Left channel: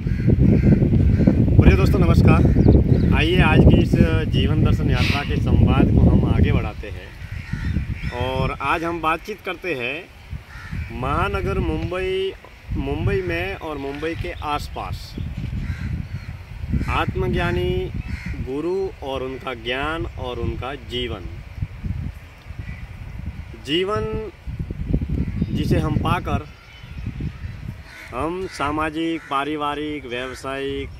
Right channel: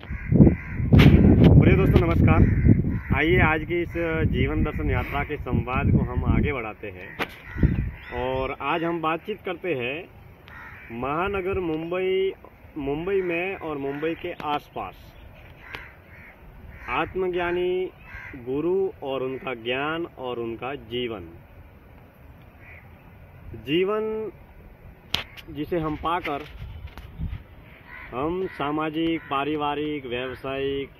प्रिय दोस्तों नमस्कार। आइए आज की इस जीवन दर्शन यात्रा के संवाद को हम आगे बढ़ाते हैं और आज हम बातचीत करते हैं महानगर मुंबई में और मुंबई के आसपास आत्मज्ञानी गुरु और उनका ज्ञान और उनका जीवन जिसे हम पाकर हम सामाजिक, पारिवारिक, व्यावसायिक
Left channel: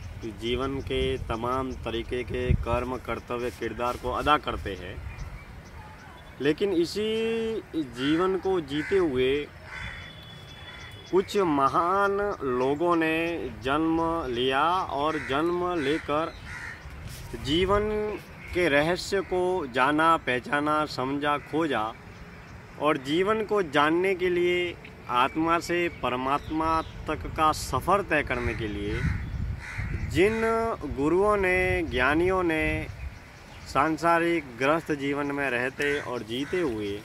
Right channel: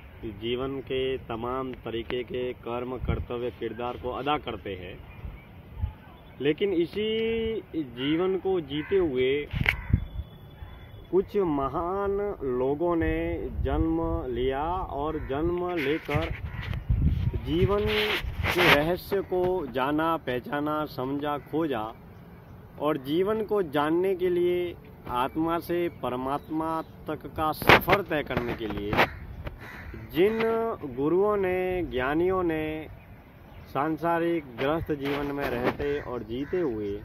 जीवन के तमाम तरीके के कर्म, कर्तव्य, किरदार को अदा करते हैं। लेकिन इसी जीवन को जीते हुए कुछ महान लोगों ने जन्म लिया और जन्म लेकर जीवन के रहस्य को जाना, पहचाना, समझा, खोजा और जीवन को जानने के लिए आत्मा से परमात्मा तक का सफ़र तय करने के लिए जिन गुरुओं ने, ज्ञानियों ने सांसारिक गृहस्थ जीवन में रहते और जीते हुए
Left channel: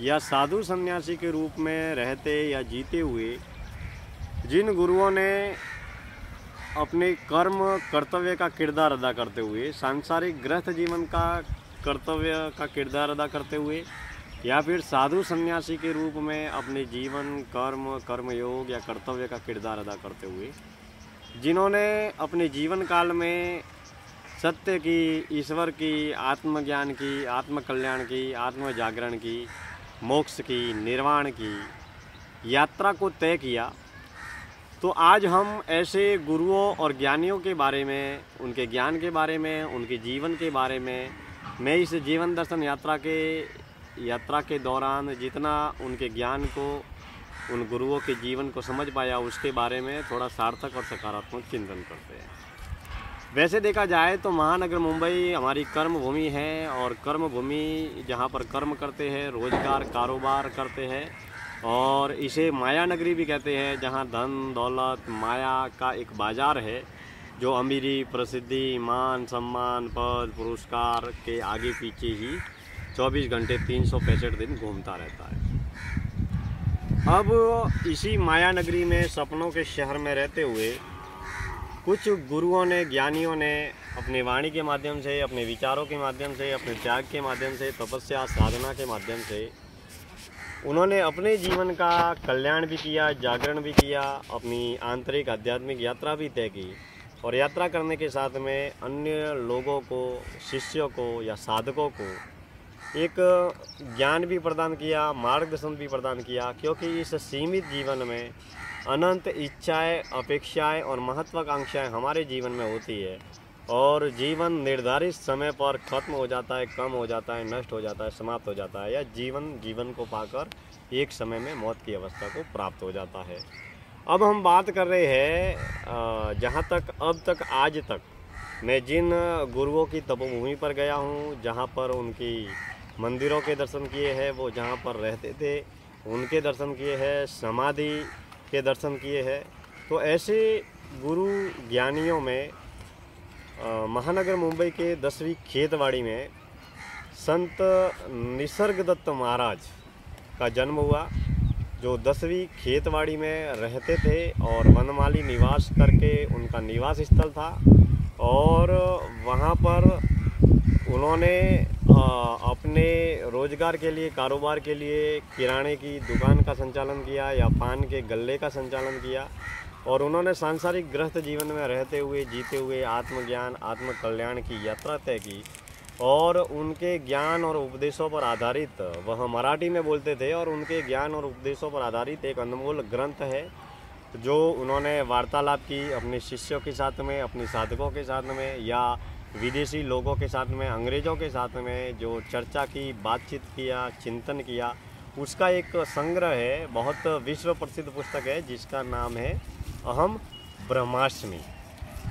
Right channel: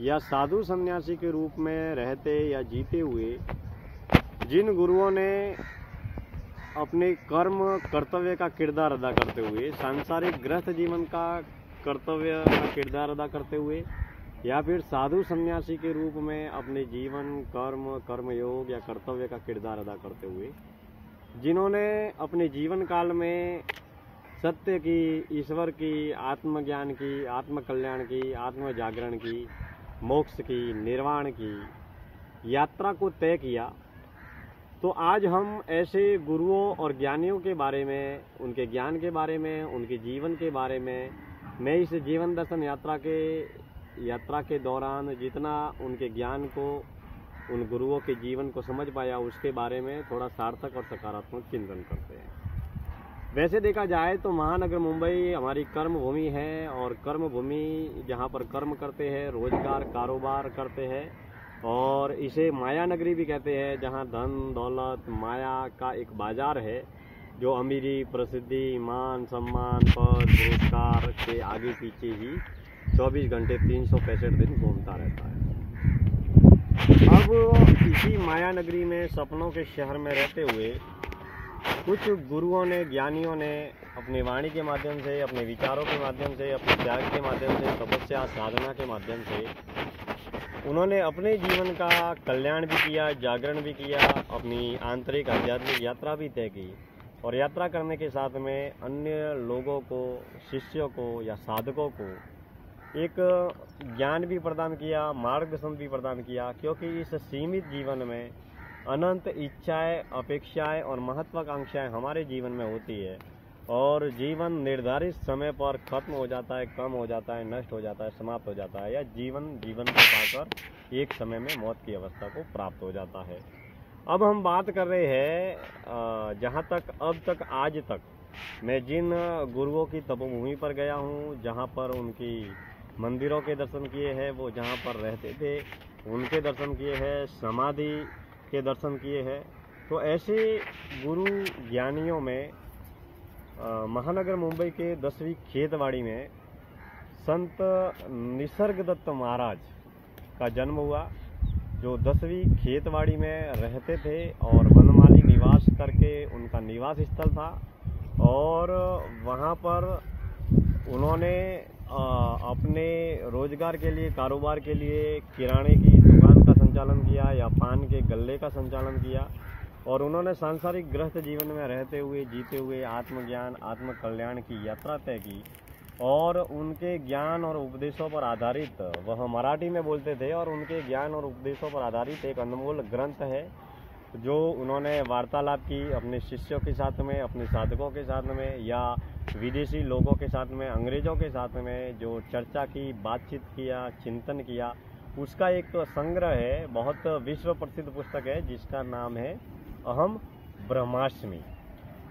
या साधु सन्यासी के रूप में रहते या जीते हुए जिन गुरुओं ने अपने कर्म, कर्तव्य का किरदार अदा करते हुए, सांसारिक गृहस्थ जीवन का कर्तव्य का किरदार अदा करते हुए या फिर साधु सन्यासी के रूप में अपने जीवन, कर्मयोग या कर्तव्य का किरदार अदा करते हुए जिन्होंने अपने जीवन काल में सत्य की, ईश्वर की, आत्मज्ञान की, आत्मकल्याण की, आत्म जागरण की, मोक्ष की, निर्वाण की यात्रा को तय किया। तो आज हम ऐसे गुरुओं और ज्ञानियों के बारे में, उनके ज्ञान के बारे में, उनके जीवन के बारे में मैं इस जीवन दर्शन यात्रा के दौरान जितना उनके ज्ञान को, उन गुरुओं के जीवन को समझ पाया उसके बारे में थोड़ा सार्थक और सकारात्मक चिंतन करते हैं। वैसे देखा जाए तो महानगर मुंबई हमारी कर्म भूमि है और कर्म भूमि जहाँ पर कर्म करते हैं, रोजगार, कारोबार करते हैं और इसे माया नगरी भी कहते हैं, जहाँ धन, दौलत, माया का एक बाज़ार है जो अमीरी, प्रसिद्धि, मान, सम्मान, पद, पुरस्कार के आगे पीछे ही 24 घंटे 365 दिन घूमता रहता है। अब इसी माया नगरी में, सपनों के शहर में रहते हुए कुछ गुरुओं ने, ज्ञानियों ने अपनी वाणी के माध्यम से, अपने विचारों के माध्यम से, अपने त्याग के माध्यम से, तपस्या, साधना के माध्यम से उन्होंने अपने जीवन का कल्याण भी किया, जागरण भी किया, अपनी आंतरिक आध्यात्मिक यात्रा भी तय की और यात्रा करने के साथ में अन्य लोगों को, शिष्यों को या साधकों को एक ज्ञान भी प्रदान किया, मार्गदर्शन भी प्रदान किया। क्योंकि इस सीमित जीवन में अनंत इच्छाएं, अपेक्षाएं और महत्वाकांक्षाएं हमारे जीवन में होती है और जीवन निर्धारित समय पर खत्म हो जाता है, कम हो जाता है, नष्ट हो जाता है, समाप्त हो जाता है या जीवन को पाकर एक समय में मौत की अवस्था को प्राप्त हो जाता है। अब हम बात कर रहे हैं जहाँ तक अब तक आज तक मैं जिन गुरुओं की तपोभूमि पर गया हूँ, जहाँ पर उनकी मंदिरों के दर्शन किए हैं, वो जहाँ पर रहते थे उनके दर्शन किए हैं, समाधि के दर्शन किए हैं। तो ऐसे गुरु ज्ञानियों में महानगर मुंबई के 10वीं खेतवाड़ी में संत निसर्गदत्त महाराज का जन्म हुआ, जो 10वीं खेतवाड़ी में रहते थे और वनमाली निवास करके उनका निवास स्थल था और वहाँ पर उन्होंने अपने रोजगार के लिए, कारोबार के लिए किराने की दुकान का संचालन किया या पान के गल्ले का संचालन किया और उन्होंने सांसारिक गृहस्थ जीवन में रहते हुए, जीते हुए आत्मज्ञान, आत्मकल्याण की यात्रा तय की और उनके ज्ञान और उपदेशों पर आधारित, वह मराठी में बोलते थे और उनके ज्ञान और उपदेशों पर आधारित एक अनमोल ग्रंथ है जो उन्होंने वार्तालाप की अपने शिष्यों के साथ में, अपने साधकों के साथ में या विदेशी लोगों के साथ में, अंग्रेज़ों के साथ में जो चर्चा की, बातचीत किया, चिंतन किया, उसका एक संग्रह है। बहुत विश्व प्रसिद्ध पुस्तक है जिसका नाम है अहम ब्रह्मास्मि।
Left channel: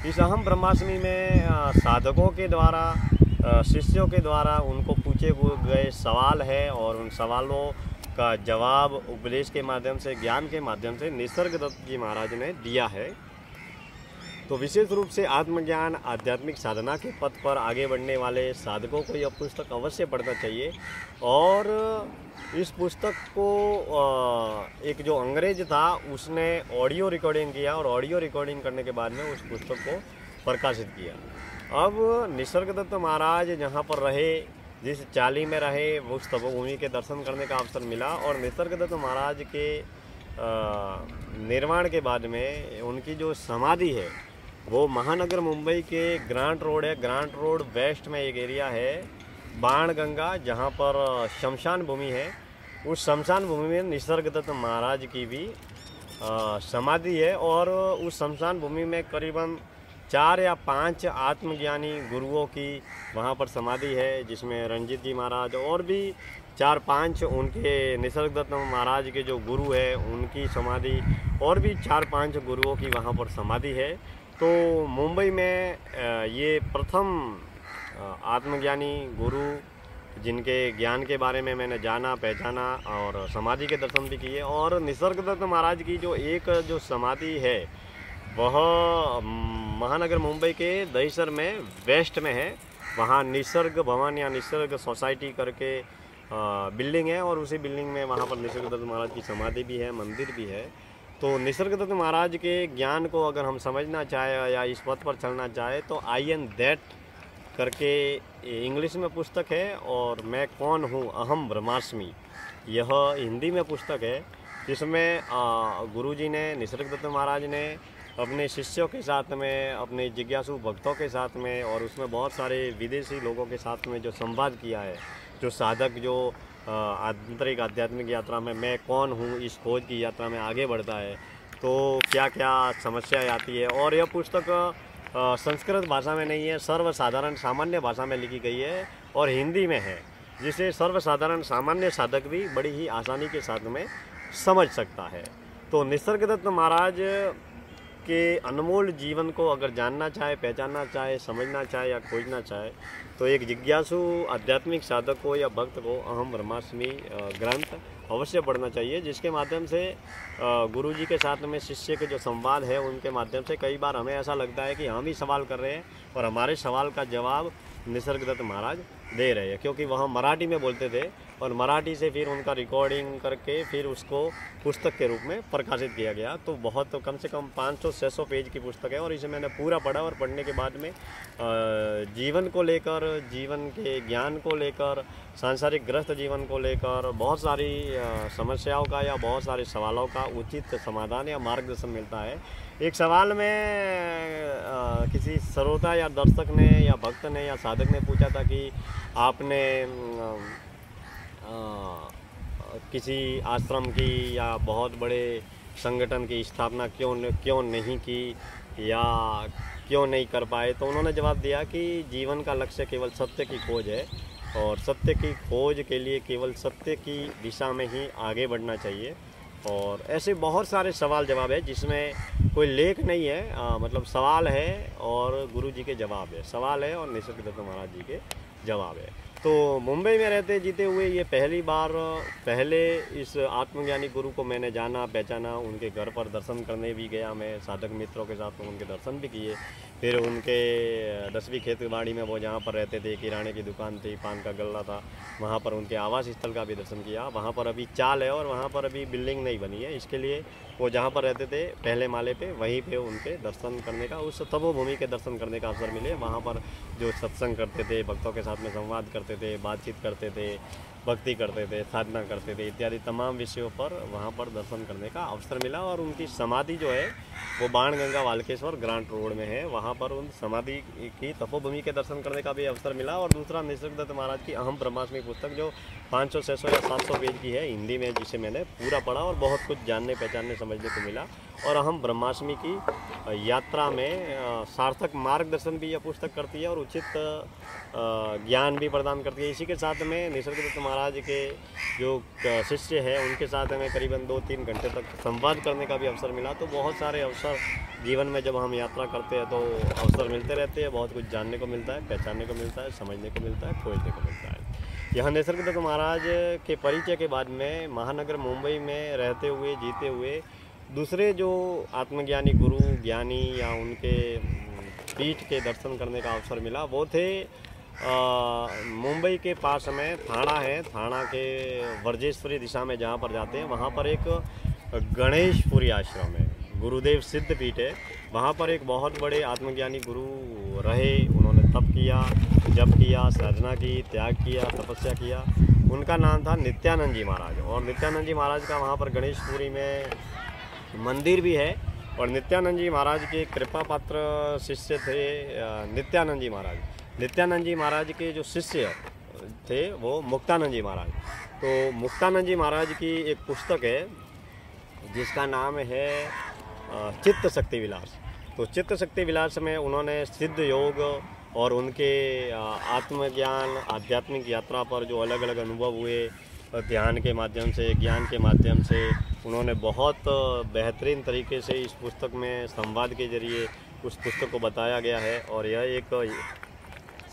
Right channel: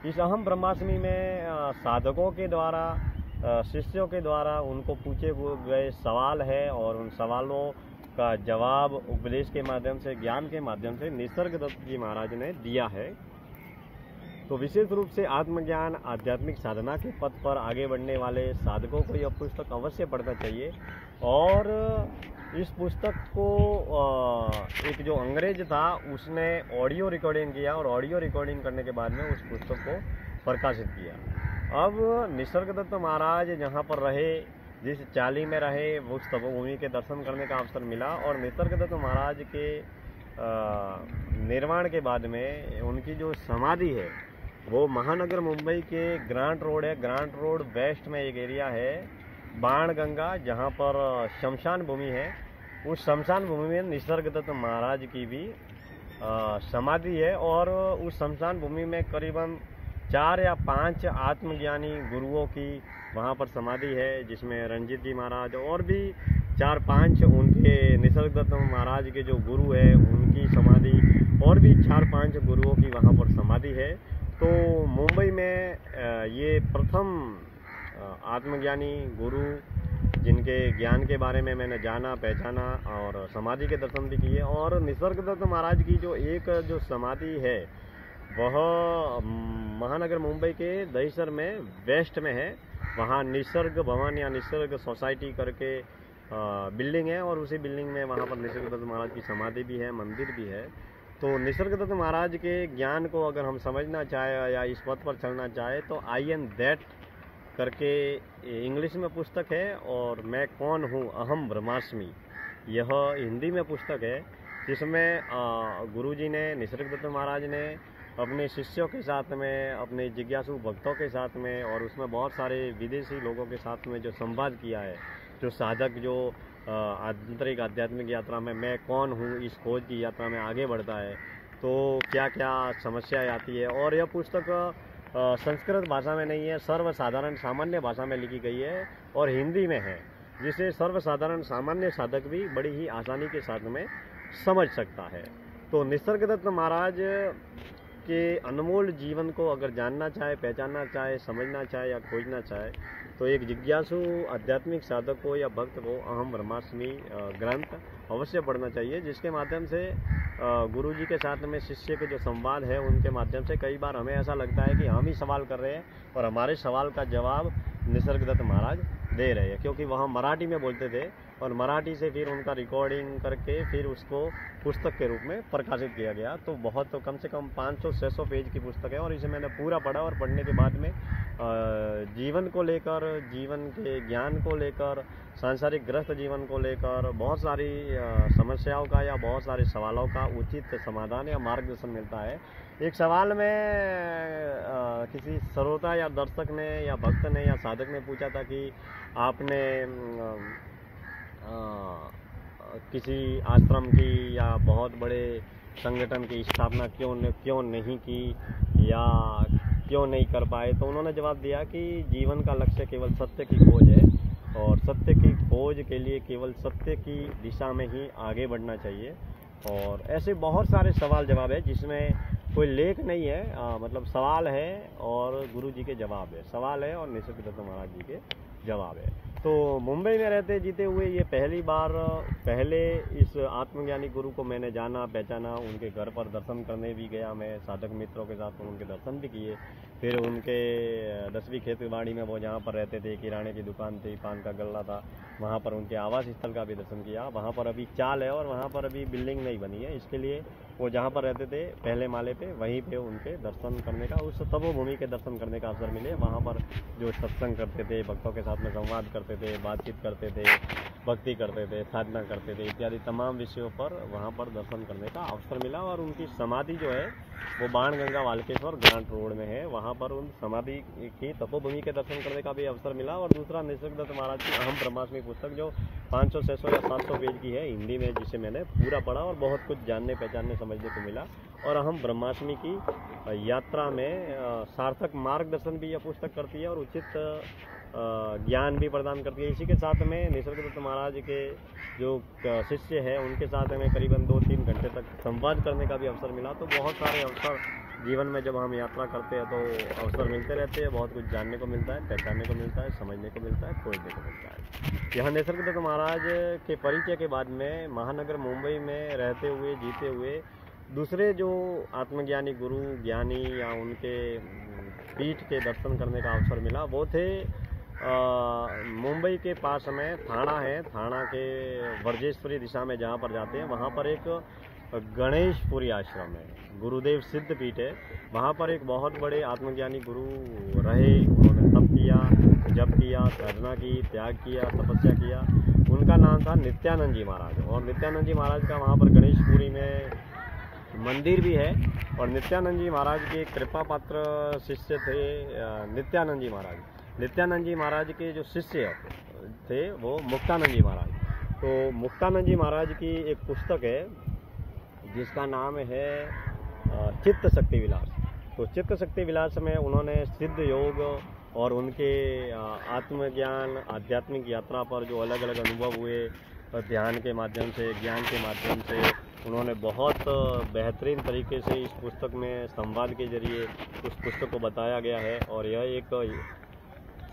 इस अहम ब्रह्मास्मि में साधकों के द्वारा, शिष्यों के द्वारा उनको पूछे गए सवाल है और उन सवालों का जवाब उपदेश के माध्यम से, ज्ञान के माध्यम से निसर्गदत्त जी महाराज ने दिया है। तो विशेष रूप से आत्मज्ञान आध्यात्मिक साधना के पथ पर आगे बढ़ने वाले साधकों को यह पुस्तक अवश्य पढ़ना चाहिए। और इस पुस्तक को एक जो अंग्रेज था उसने ऑडियो रिकॉर्डिंग किया और ऑडियो रिकॉर्डिंग करने के बाद में उस पुस्तक को प्रकाशित किया। अब निसर्गदत्त महाराज जहाँ पर रहे, जिस चाली में रहे, उस तपोभूमि के दर्शन करने का अवसर मिला। और निसर्गदत्त महाराज के निर्माण के बाद में उनकी जो समाधि है वो महानगर मुंबई के ग्रांट रोड है। ग्रांट रोड वेस्ट में एक एरिया है बाणगंगा, जहाँ पर शमशान भूमि है। उस शमशान भूमि में निसर्गदत्त महाराज की भी समाधि है। और उस शमशान भूमि में करीबन 4 या 5 आत्मज्ञानी गुरुओं की वहाँ पर समाधि है, जिसमें रंजीत जी महाराज और भी 4-5 उनके निसर्गदत्त महाराज के जो गुरु हैं उनकी समाधि, और भी 4-5 गुरुओं की वहाँ पर समाधि है। तो मुंबई में ये प्रथम आत्मज्ञानी गुरु जिनके ज्ञान के बारे में मैंने जाना, पहचाना और समाधि के दर्शन भी किए। और निसर्गदत्त महाराज की जो समाधि है वह महानगर मुंबई के दहिसर में वेस्ट में है। वहाँ निसर्ग भवन या निसर्ग सोसाइटी करके बिल्डिंग है, और उसी बिल्डिंग में वहाँ पर निसर्गदत्त महाराज की समाधि भी है, मंदिर भी है। तो निसर्गदत्त महाराज के ज्ञान को अगर हम समझना चाहे या इस पथ पर चलना चाहे तो आई एम दैट करके इंग्लिश में पुस्तक है, और मैं कौन हूँ, अहम ब्रह्मास्मि, यह हिंदी में पुस्तक है, जिसमें गुरुजी ने, निसर्गदत्त महाराज ने अपने शिष्यों के साथ में, अपने जिज्ञासु भक्तों के साथ में, और उसमें बहुत सारे विदेशी लोगों के साथ में जो संवाद किया है, जो साधक जो आंतरिक आध्यात्मिक यात्रा में मैं कौन हूँ इस खोज की यात्रा में आगे बढ़ता है, तो क्या क्या समस्याएं आती है। और यह पुस्तक संस्कृत भाषा में नहीं है, सर्वसाधारण सामान्य भाषा में लिखी गई है और हिंदी में है, जिसे सर्वसाधारण सामान्य साधक भी बड़ी ही आसानी के साथ में समझ सकता है। तो निसर्गदत्त महाराज के अनमोल जीवन को अगर जानना चाहे, पहचानना चाहे, समझना चाहे या खोजना चाहे, तो एक जिज्ञासु आध्यात्मिक साधक को या भक्त को अहम ब्रह्मास्मि ग्रंथ अवश्य पढ़ना चाहिए, जिसके माध्यम से गुरुजी के साथ में शिष्य के जो संवाद है उनके माध्यम से कई बार हमें ऐसा लगता है कि हम ही सवाल कर रहे हैं और हमारे सवाल का जवाब निसर्गदत्त महाराज दे रहे हैं, क्योंकि वह मराठी में बोलते थे और मराठी से फिर उनका रिकॉर्डिंग करके फिर उसको पुस्तक के रूप में प्रकाशित किया गया। तो बहुत कम से कम 500-600 पेज की पुस्तक है, और इसे मैंने पूरा पढ़ा और पढ़ने के बाद में जीवन को लेकर, जीवन के ज्ञान को लेकर, सांसारिक ग्रस्त जीवन को लेकर बहुत सारी समस्याओं का या बहुत सारे सवालों का उचित समाधान या मार्गदर्शन मिलता है। एक सवाल में किसी श्रोता या दर्शक ने या भक्त ने या साधक ने पूछा था कि आपने किसी आश्रम की या बहुत बड़े संगठन की स्थापना क्यों नहीं की या क्यों नहीं कर पाए, तो उन्होंने जवाब दिया कि जीवन का लक्ष्य केवल सत्य की खोज है, और सत्य की खोज के लिए केवल सत्य की दिशा में ही आगे बढ़ना चाहिए। और ऐसे बहुत सारे सवाल जवाब है जिसमें कोई लेख नहीं है, मतलब सवाल है और गुरु जी के जवाब है, सवाल है और निसर्गदत्त महाराज जी के जवाब है। तो मुंबई में रहते जीते हुए ये पहले इस आत्मज्ञानी गुरु को मैंने जाना, पहचाना, उनके घर पर दर्शन करने भी गया मैं, साधक मित्रों के साथ में उनके दर्शन भी किए। फिर उनके 10वीं खेतवाड़ी में वो जहाँ पर रहते थे, किराने की दुकान थी, पान का गल्ला था, वहाँ पर उनके आवास स्थल का भी दर्शन किया। वहाँ पर अभी चाल है और वहाँ पर अभी बिल्डिंग नहीं बनी है, इसके लिए वो जहाँ पर रहते थे पहले माले पे, वहीं पे उनके दर्शन करने का, उस तपोभूमि के दर्शन करने का अवसर मिले। वहाँ पर जो सत्संग करते थे, भक्तों के साथ में संवाद करते थे, बातचीत करते थे, भक्ति करते थे, साधना करते थे, इत्यादि तमाम विषयों पर वहाँ पर दर्शन करने का अवसर मिला। और उनकी समाधि जो है वो बाणगंगा वाल्केश्वर ग्रांट रोड में है, वहाँ पर उन समाधि की तपोभूमि के दर्शन करने का भी अवसर मिला। और दूसरा निसर्गदत्त महाराज की अहम ब्रह्मास्मि पुस्तक जो 500, 600 या 700 पेज की है हिंदी में, जिसे मैंने पूरा पढ़ा और बहुत कुछ जानने, पहचानने, समझने को मिला। और अहम ब्रह्मास्मि की यात्रा में सार्थक मार्गदर्शन भी यह पुस्तक करती है और उचित ज्ञान भी प्रदान करती है। इसी के साथ में निसर्गदत्त महाराज के जो शिष्य है उनके साथ हमें करीबन 2-3 घंटे तक संवाद करने का भी अवसर मिला। तो बहुत सारे अवसर जीवन में जब हम यात्रा करते हैं तो अवसर मिलते रहते हैं, बहुत कुछ जानने को मिलता है, पहचानने को मिलता है, समझने को मिलता है, खोजने को मिलता है। यहाँ निसर्गदत्त महाराज के परिचय के बाद में महानगर मुंबई में रहते हुए, जीते हुए दूसरे जो आत्मज्ञानी गुरु ज्ञानी या उनके पीठ के दर्शन करने का अवसर मिला वो थे मुंबई के पास में थाना है, थाना के वर्जेश्वरी दिशा में जहाँ पर जाते हैं वहाँ पर एक गणेशपुरी आश्रम है, गुरुदेव सिद्ध पीठ है। वहाँ पर एक बहुत बड़े आत्मज्ञानी गुरु रहे, उन्होंने तप किया, जप किया, साधना की, त्याग किया, तपस्या किया। उनका नाम था नित्यानंद जी महाराज। और नित्यानंद जी महाराज का वहाँ पर गणेशपुरी में मंदिर भी है। और नित्यानंद जी महाराज के कृपा पात्र शिष्य थे नित्यानंद जी महाराज। नित्यानंद जी महाराज के जो शिष्य थे वो मुक्तानंद जी महाराज। तो मुक्तानंद जी महाराज की एक पुस्तक है जिसका नाम है चित्त शक्ति विलास। तो चित्त शक्ति विलास में उन्होंने सिद्ध योग और उनके आत्मज्ञान आध्यात्मिक यात्रा पर जो अलग अलग अनुभव हुए, ध्यान के माध्यम से, ज्ञान के माध्यम से, उन्होंने बहुत बेहतरीन तरीके से इस पुस्तक में संवाद के जरिए उस पुस्तक को बताया गया है। और यह एक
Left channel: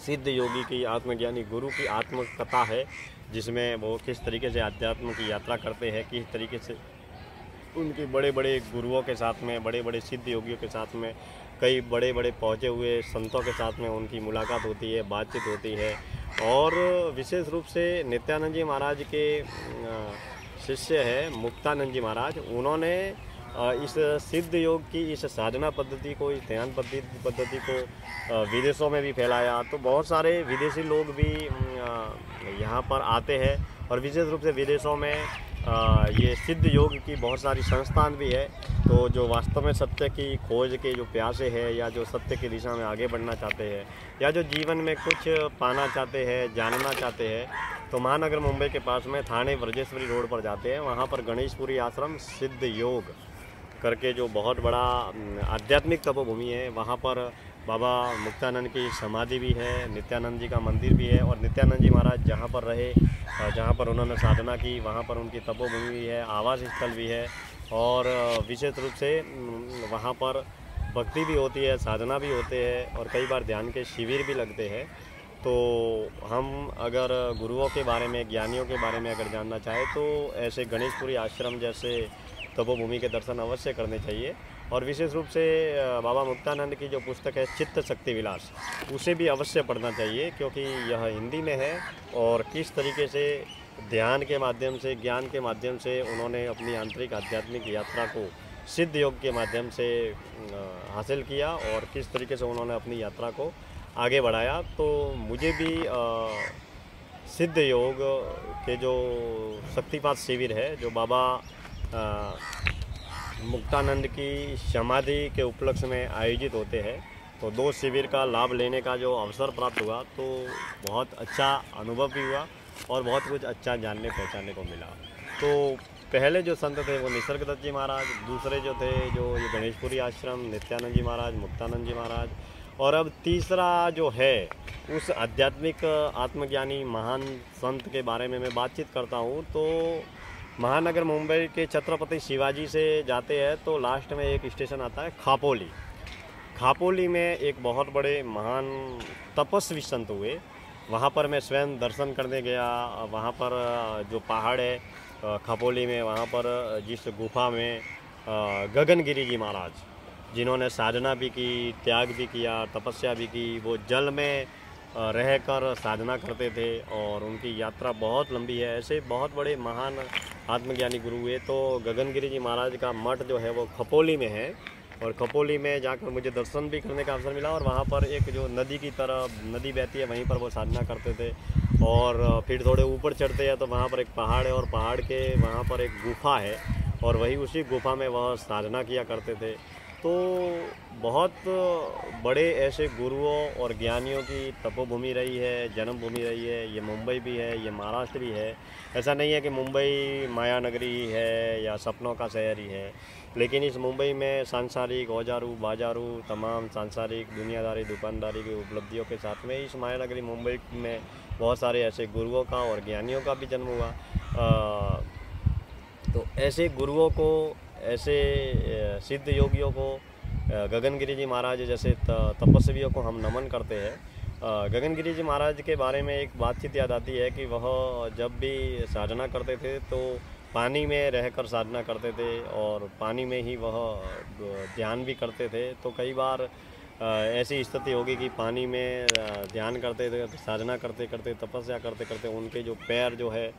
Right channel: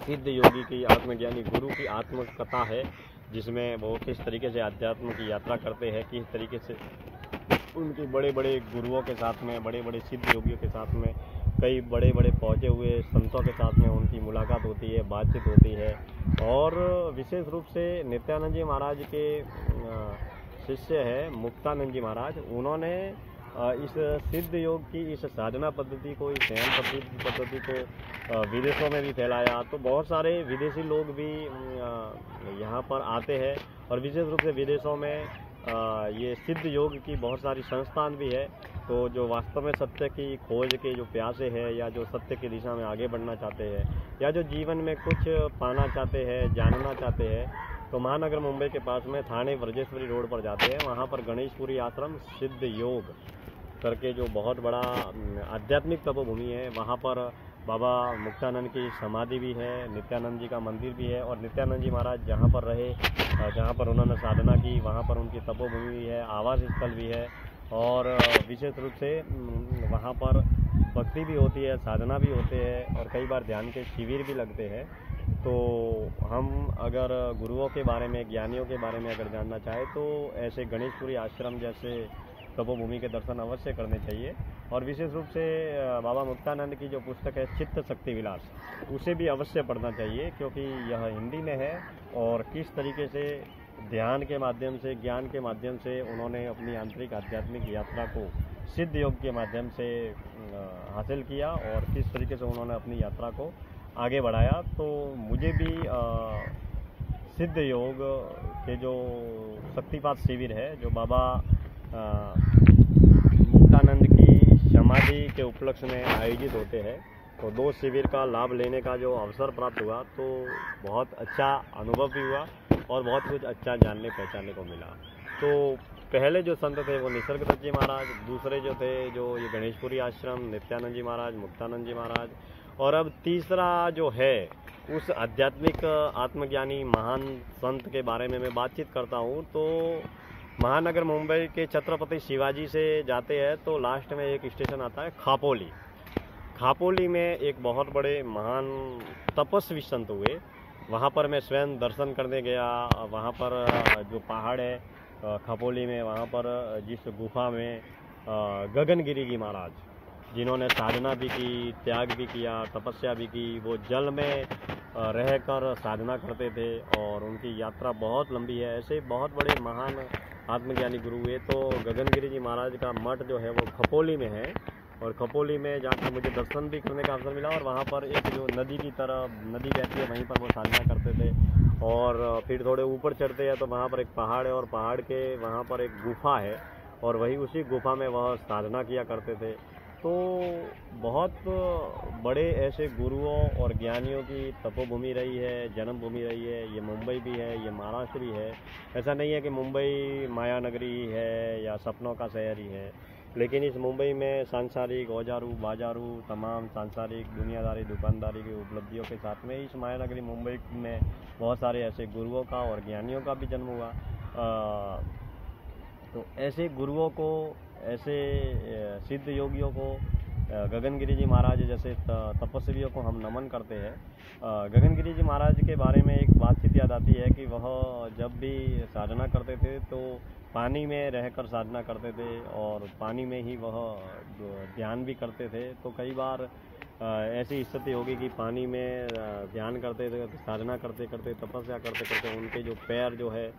सिद्ध योगी की, आत्मज्ञानी गुरु की आत्मकथा है जिसमें वो किस तरीके से आध्यात्म की यात्रा करते हैं, किस तरीके से उनके बड़े बड़े गुरुओं के साथ में, बड़े बड़े सिद्ध योगियों के साथ में, कई बड़े बड़े पहुँचे हुए संतों के साथ में उनकी मुलाकात होती है, बातचीत होती है। और विशेष रूप से नित्यानंद जी महाराज के शिष्य है मुक्तानंद जी महाराज। उन्होंने इस सिद्ध योग की, इस साधना पद्धति को, इस ध्यान पद्धति को विदेशों में भी फैलाया। तो बहुत सारे विदेशी लोग भी यहाँ पर आते हैं। और विशेष रूप से विदेशों में ये सिद्ध योग की बहुत सारी संस्थान भी है। तो जो वास्तव में सत्य की खोज के जो प्यासे हैं, या जो सत्य की दिशा में आगे बढ़ना चाहते हैं, या जो जीवन में कुछ पाना चाहते हैं, जानना चाहते हैं, तो महानगर मुंबई के पास में थाने वर्जेश्वरी रोड पर जाते हैं। वहाँ पर गणेशपुरी आश्रम सिद्ध योग करके जो बहुत बड़ा आध्यात्मिक तपोभूमि है, वहाँ पर बाबा मुक्तानंद की समाधि भी है, नित्यानंद जी का मंदिर भी है। और नित्यानंद जी महाराज जहाँ पर रहे, जहाँ पर उन्होंने साधना की, वहाँ पर उनकी तपोभूमि भी है, आवास स्थल भी है। और विशेष रूप से वहाँ पर भक्ति भी होती है, साधना भी होते हैं, और कई बार ध्यान के शिविर भी लगते हैं। तो हम अगर गुरुओं के बारे में, ज्ञानियों के बारे में अगर जानना चाहें तो ऐसे गणेशपुरी आश्रम जैसे तपोभूमि के दर्शन अवश्य करने चाहिए। और विशेष रूप से बाबा मुक्तानंद की जो पुस्तक है चित्त शक्ति विलास, उसे भी अवश्य पढ़ना चाहिए, क्योंकि यह हिंदी में है। और किस तरीके से ध्यान के माध्यम से, ज्ञान के माध्यम से उन्होंने अपनी आंतरिक आध्यात्मिक यात्रा को सिद्ध योग के माध्यम से हासिल किया, और किस तरीके से उन्होंने अपनी यात्रा को आगे बढ़ाया। तो मुझे भी सिद्ध योग के जो शक्तिपात शिविर है, जो बाबा मुक्तानंद की समाधि के उपलक्ष्य में आयोजित होते हैं, तो 2 शिविर का लाभ लेने का जो अवसर प्राप्त हुआ, तो बहुत अच्छा अनुभव भी हुआ और बहुत कुछ अच्छा जानने पहचानने को मिला। तो पहले जो संत थे वो निसर्गदत्त जी महाराज, दूसरे जो थे जो ये गणेशपुरी आश्रम, नित्यानंद जी महाराज, मुक्तानंद जी महाराज, और अब तीसरा जो है उस आध्यात्मिक आत्मज्ञानी महान संत के बारे में मैं बातचीत करता हूँ। तो महानगर मुंबई के छत्रपति शिवाजी से जाते हैं तो लास्ट में एक स्टेशन आता है खापोली। खापोली में एक बहुत बड़े महान तपस्वी संत हुए, वहाँ पर मैं स्वयं दर्शन करने गया। वहाँ पर जो पहाड़ है खापोली में, वहाँ पर जिस गुफा में गगनगिरी जी महाराज, जिन्होंने साधना भी की, त्याग भी किया, तपस्या भी की, वो जल में रहकर साधना करते थे और उनकी यात्रा बहुत लंबी है। ऐसे बहुत बड़े महान आत्मज्ञानी गुरु हुए। तो गगनगिरी जी महाराज का मठ जो है वो खपोली में है, और खपोली में जाकर मुझे दर्शन भी करने का अवसर मिला। और वहाँ पर एक जो नदी की तरह नदी बहती है, वहीं पर वो साधना करते थे। और फिर थोड़े ऊपर चढ़ते हैं तो वहाँ पर एक पहाड़ है, और पहाड़ के वहाँ पर एक गुफा है, और वही उसी गुफा में वह साधना किया करते थे। तो बहुत बड़े ऐसे गुरुओं और ज्ञानियों की तपोभूमि रही है, जन्मभूमि रही है। ये मुंबई भी है, ये महाराष्ट्र भी है। ऐसा नहीं है कि मुंबई माया नगरी है या सपनों का शहर ही है, लेकिन इस मुंबई में सांसारिक औजारू बाजारू तमाम सांसारिक दुनियादारी दुकानदारी की उपलब्धियों के साथ में इस माया नगरी मुंबई में बहुत सारे ऐसे गुरुओं का और ज्ञानियों का भी जन्म हुआ। तो ऐसे गुरुओं को, ऐसे सिद्ध योगियों को, गगनगिरी जी महाराज जैसे तपस्वियों को हम नमन करते हैं। गगनगिरी जी महाराज के बारे में एक बातचीत याद आती है कि वह जब भी साधना करते थे तो पानी में रहकर साधना करते थे और पानी में ही वह ध्यान भी करते थे। तो कई बार ऐसी स्थिति होगी कि पानी में ध्यान करते थे, साधना करते करते, तपस्या करते करते उनके जो पैर जो है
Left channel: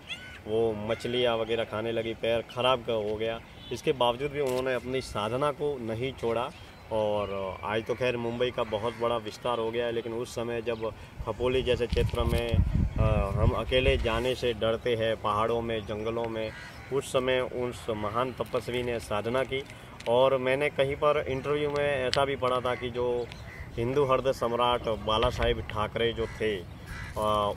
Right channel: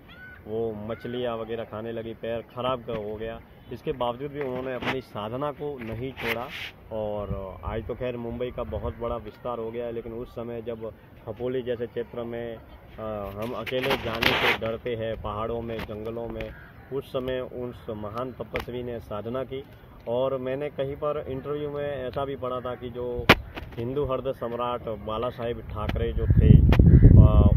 वो मछलियाँ वगैरह खाने लगी, पैर खराब हो गया। इसके बावजूद भी उन्होंने अपनी साधना को नहीं छोड़ा। और आज तो खैर मुंबई का बहुत बड़ा विस्तार हो गया है, लेकिन उस समय जब खपोली जैसे क्षेत्र में हम अकेले जाने से डरते हैं, पहाड़ों में, जंगलों में, उस समय उस महान तपस्वी ने साधना की। और मैंने कहीं पर इंटरव्यू में ऐसा भी पढ़ा था कि जो हिंदू हृदय सम्राट बाला साहेब ठाकरे जो थे,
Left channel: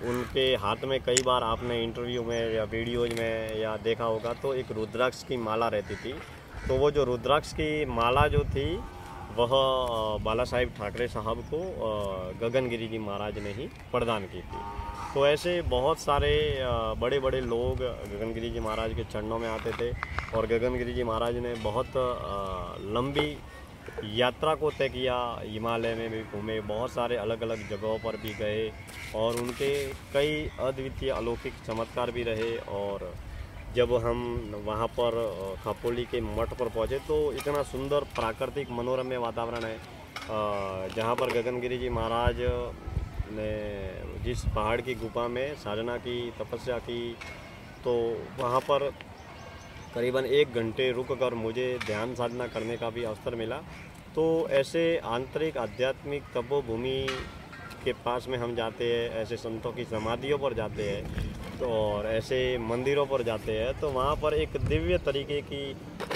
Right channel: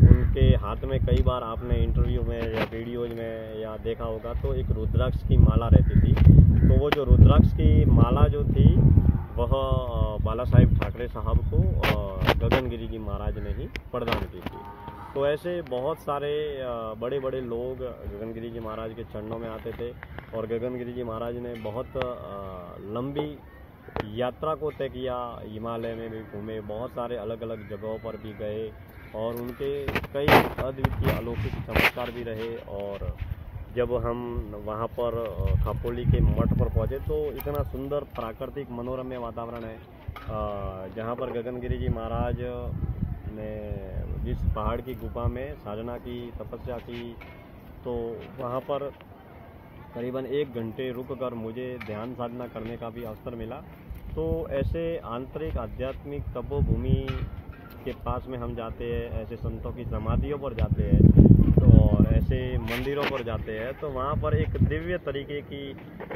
उनके हाथ में कई बार आपने इंटरव्यू में या वीडियोज में या देखा होगा तो एक रुद्राक्ष की माला रहती थी। तो वो जो रुद्राक्ष की माला जो थी वह बाला साहेब ठाकरे साहब को गगनगिरी जी महाराज ने ही प्रदान की थी। तो ऐसे बहुत सारे बड़े बड़े लोग गगनगिरी जी महाराज के चरणों में आते थे और गगनगिरी जी महाराज ने बहुत लंबी यात्रा को तय किया। हिमालय में भी घूमे, बहुत सारे अलग अलग जगहों पर भी गए और उनके कई अद्वितीय अलौकिक चमत्कार भी रहे। और जब हम वहाँ पर खपोली के मठ पर पहुँचे तो इतना सुंदर प्राकृतिक मनोरम्य वातावरण है, जहाँ पर गगनगिरी जी महाराज ने जिस पहाड़ की गुफा में साधना की, तपस्या की, तो वहाँ पर करीबन 1 घंटे रुककर मुझे ध्यान साधना करने का भी अवसर मिला। तो ऐसे आंतरिक आध्यात्मिक तपोभूमि के पास में हम जाते हैं, ऐसे संतों की समाधियों पर जाते हैं तो और ऐसे मंदिरों पर जाते हैं, तो वहाँ पर एक दिव्य तरीके की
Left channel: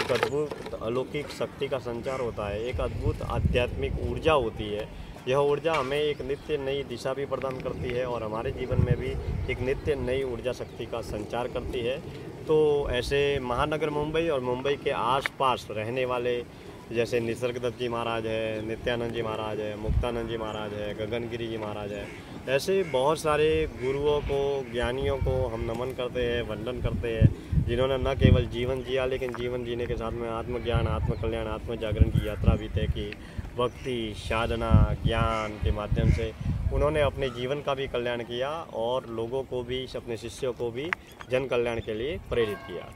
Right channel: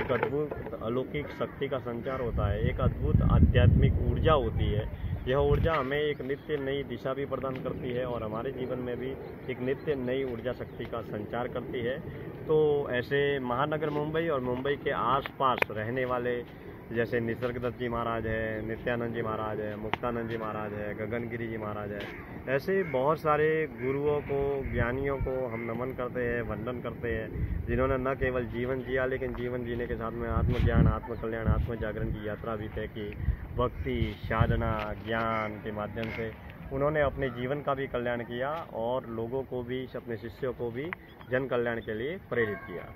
एक अद्भुत अलौकिक शक्ति का संचार होता है, एक अद्भुत आध्यात्मिक ऊर्जा होती है। यह ऊर्जा हमें एक नित्य नई दिशा भी प्रदान करती है और हमारे जीवन में भी एक नित्य नई ऊर्जा शक्ति का संचार करती है। तो ऐसे महानगर मुंबई और मुंबई के आसपास रहने वाले जैसे निसर्गदत्त जी महाराज है, नित्यानंद जी महाराज है, मुक्तानंद जी महाराज है, गगनगिरी जी महाराज है, ऐसे बहुत सारे गुरुओं को, ज्ञानियों को हम नमन करते हैं, वंदन करते हैं, जिन्होंने न केवल जीवन जिया लेकिन जीवन जीने के साथ में आत्मज्ञान, आत्मकल्याण, आत्मजागरण की यात्रा भी तय की। भक्ति, साधना, ज्ञान के माध्यम से उन्होंने अपने जीवन का भी कल्याण किया और लोगों को भी, अपने शिष्यों को भी जन कल्याण के लिए प्रेरित किया।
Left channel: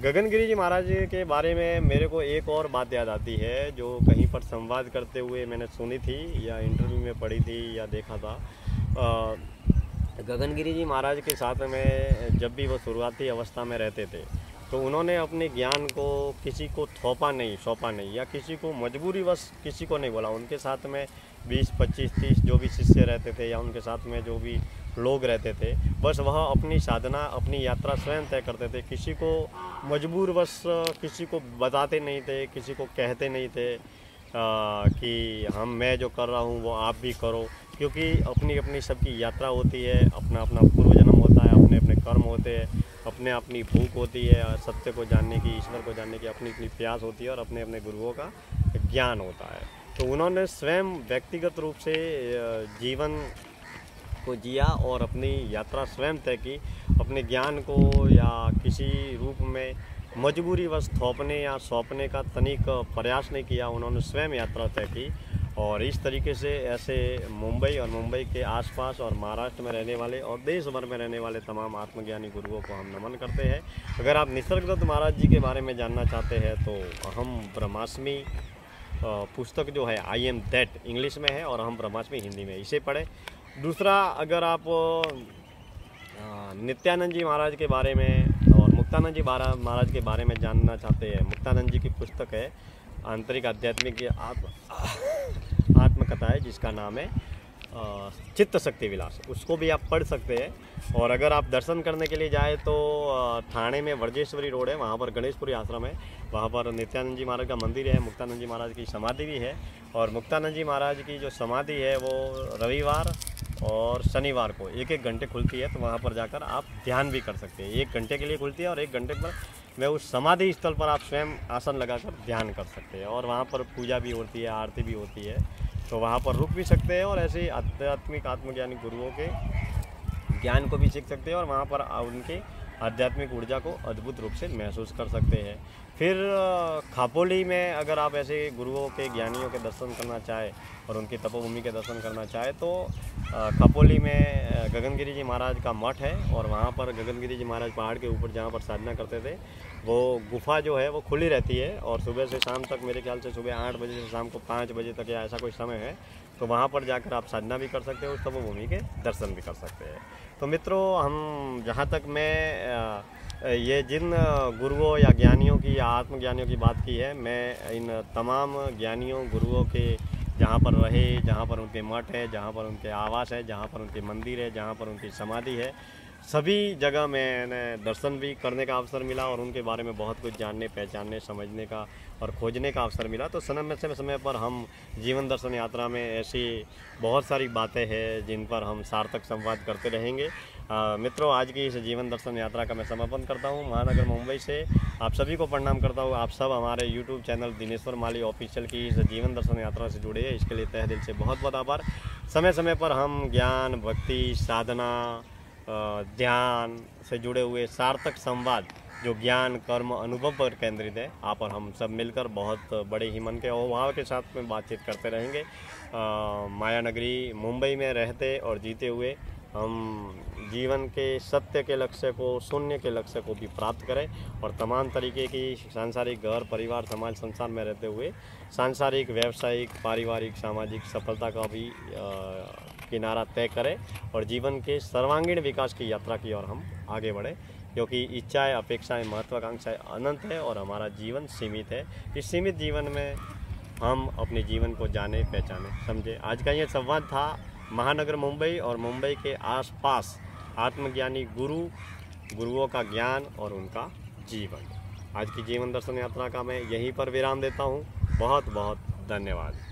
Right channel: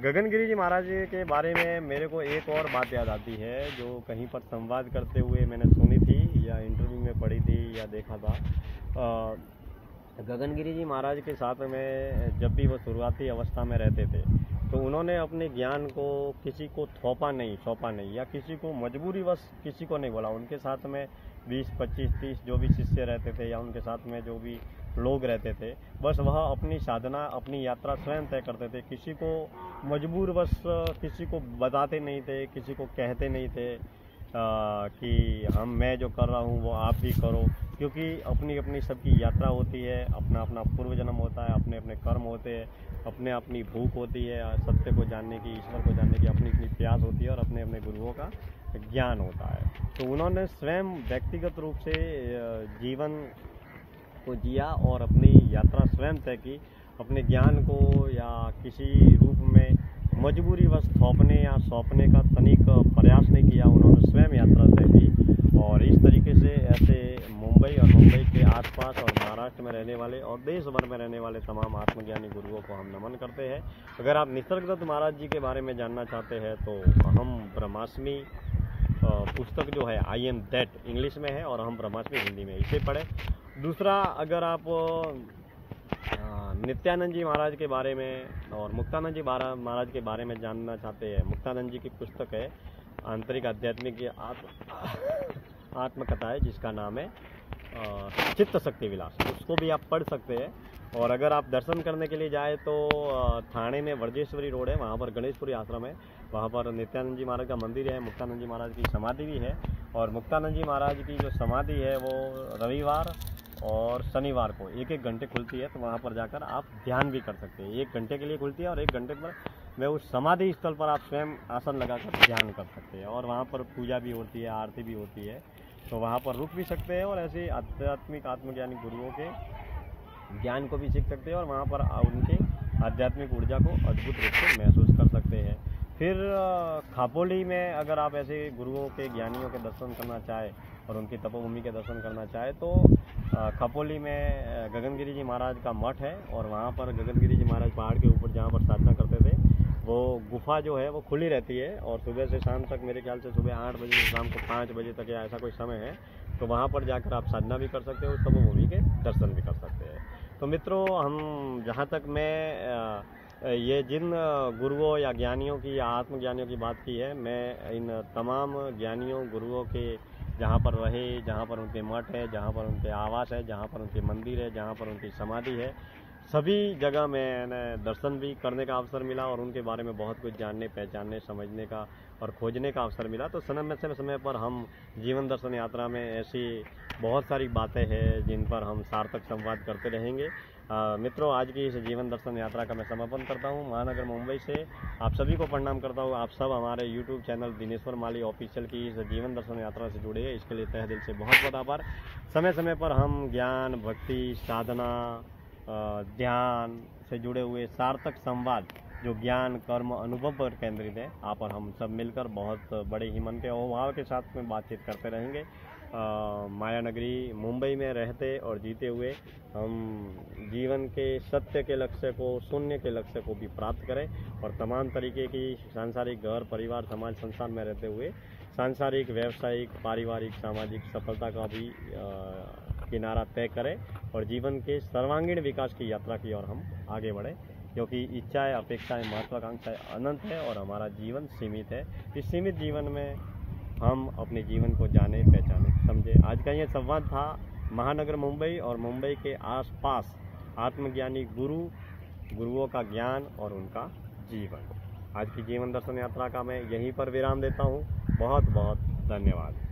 गगनगिरी जी महाराज के बारे में मेरे को एक और बात याद आती है जो कहीं पर संवाद करते हुए मैंने सुनी थी या इंटरव्यू में पढ़ी थी या देखा था। गगनगिरी जी महाराज के साथ में जब भी वो शुरुआती अवस्था में रहते थे तो उन्होंने अपने ज्ञान को किसी को सौंपा नहीं या किसी को मजबूरीवश किसी को नहीं बोला। उनके साथ में 20, 25, 30 जो भी शिष्य रहते थे या उनके साथ में जो भी लोग रहते थे, बस वह अपनी साधना, अपनी यात्रा स्वयं तय करते थे। किसी को मजबूरवश किसी को बताते नहीं थे, किसी को कहते नहीं थे कि मैं जो कर रहा हूँ वो आप भी करो, क्योंकि अपनी अपनी सबकी यात्रा होती है, अपना अपना पूर्व जन्म होता है, अपने अपने कर्म होते हैं, अपने अपनी भूख होती है, सत्य को जानने की, ईश्वर को जानने की अपनी अपनी प्यास होती है और अपने अपने गुरुओं का ज्ञान होता है। तो उन्होंने स्वयं व्यक्तिगत रूप से जीवन को जिया और अपनी यात्रा स्वयं तय की। अपने ज्ञान को या किसी रूप में मजबूरीवश थोपने या सौंपने का तनिक प्रयास नहीं किया, उन्होंने स्वयं यात्रा तय की। और इस तरीके से ऐसे मुंबई और मुंबई के आसपास और महाराष्ट्र में रहने वाले और देश भर में रहने वाले तमाम आत्मज्ञानी गुरुओं को हम नमन करते हैं। अगर आप निसर्गदत्त महाराज जी के बारे में जानना चाहते हैं तो अहम ब्रह्मास्मि पुस्तक जो है आई एम दैट इंग्लिश में है और अहम ब्रह्मास्मि हिंदी में, इसे पढ़ें। दूसरा, अगर आप नित्यानंद जी महाराज के बारे में और मुक्तानंद जी महाराज के बारे में जानना चाहते हैं, मुक्तानंद जी की पुस्तक है आंतरिक आध्यात्मिक आत्मकथा है जिसका नाम है चित्त शक्ति विलास, उसको भी आप पढ़ सकते हैं। और अगर आप दर्शन करने के लिए जाए तो थाने में वर्जेश्वरी रोड है, वहाँ पर गणेशपुरी आश्रम है, वहाँ पर नित्यानंद जी महाराज का मंदिर है, मुक्तानंद जी महाराज की समाधि भी है। और मुक्तानंद जी महाराज की जो समाधि है वो रविवार और शनिवार को 1-1 घंटे खुलती है, तो वहाँ पर जाकर आप ध्यान भी कर सकते हैं। 1 घंटे के लिए खुलती है और 1 घंटे पर में उस समाधि स्थल पर आप स्वयं आसन लगाकर ध्यान कर सकते हैं। और वहाँ पर पूजा भी होती है, आरती भी होती है, तो वहाँ पर रुक भी सकते हैं और ऐसे आध्यात्मिक आत्मज्ञानी गुरुओं के ज्ञान को भी सीख सकते हैं और वहाँ पर उनकी आध्यात्मिक ऊर्जा को अद्भुत रूप से महसूस कर सकते हैं। फिर खापोली में अगर आप ऐसे गुरुओं के, ज्ञानियों के दर्शन करना चाहें और उनकी तपोभूमि के दर्शन करना चाहें तो खपोली में गगनगिरी जी महाराज का मठ है और वहाँ पर गगनगिरी जी महाराज पहाड़ के ऊपर जहाँ पर साधना करते थे वो गुफा जो है वो खुली रहती है और सुबह से शाम तक, मेरे ख्याल से सुबह 8 बजे से शाम को 5 बजे तक या ऐसा कोई समय है, तो वहाँ पर जाकर आप साधना भी कर सकते हो, उस तपोभूमि के दर्शन भी कर सकते हैं। तो मित्रों, हम जहाँ तक मैं ये जिन गुरुओं या ज्ञानियों की या आत्मज्ञानियों की बात की है, मैं इन तमाम ज्ञानियों गुरुओं के जहाँ पर रहे, जहाँ पर उनके मठ है, जहाँ पर उनके आवास है, जहाँ पर उनके मंदिर है, जहाँ पर उनकी समाधि है, सभी जगह मैंने दर्शन भी करने का अवसर मिला और उनके बारे में बहुत कुछ जानने, पहचानने, समझने का और खोजने का अवसर मिला। तो समय पर हम जीवन दर्शन यात्रा में ऐसी बहुत सारी बातें हैं जिन पर हम सार्थक संवाद करते रहेंगे। मित्रों, आज की इस जीवन दर्शन यात्रा का मैं समापन करता हूँ। महानगर मुंबई से आप सभी को प्रणाम करता हूँ। आप सब हमारे यूट्यूब चैनल दिनेश्वर माली ऑफिशियल की इस जीवन दर्शन यात्रा से जुड़े हैं, इसके लिए तहे दिल से बहुत बहुत आभार। समय पर हम ज्ञान, भक्ति, साधना, ध्यान से जुड़े हुए सार्थक संवाद जो ज्ञान, कर्म, अनुभव पर केंद्रित है, आप और हम सब मिलकर बहुत बड़े ही मन के अभाव के साथ में बातचीत करते रहेंगे। माया नगरी मुंबई में रहते और जीते हुए हम जीवन के सत्य के लक्ष्य को, शून्य के लक्ष्य को भी प्राप्त करें और तमाम तरीके की सांसारिक घर, परिवार, समाज, संसार में रहते हुए सांसारिक, व्यावसायिक, पारिवारिक, सामाजिक सफलता का भी किनारा तय करें और जीवन के सर्वांगीण विकास की यात्रा की ओर हम आगे बढ़ें, क्योंकि इच्छाएं, अपेक्षाएं, महत्वाकांक्षाएं अनंत है और हमारा जीवन सीमित है। इस सीमित जीवन में हम अपने जीवन को जाने, पहचाने, समझे। आज का ये संवाद था महानगर मुंबई और मुंबई के आसपास आत्मज्ञानी गुरुओं का ज्ञान और उनका जीवन। आज की जीवन दर्शन यात्रा का मैं यहीं पर विराम देता हूँ। बहुत बहुत धन्यवाद।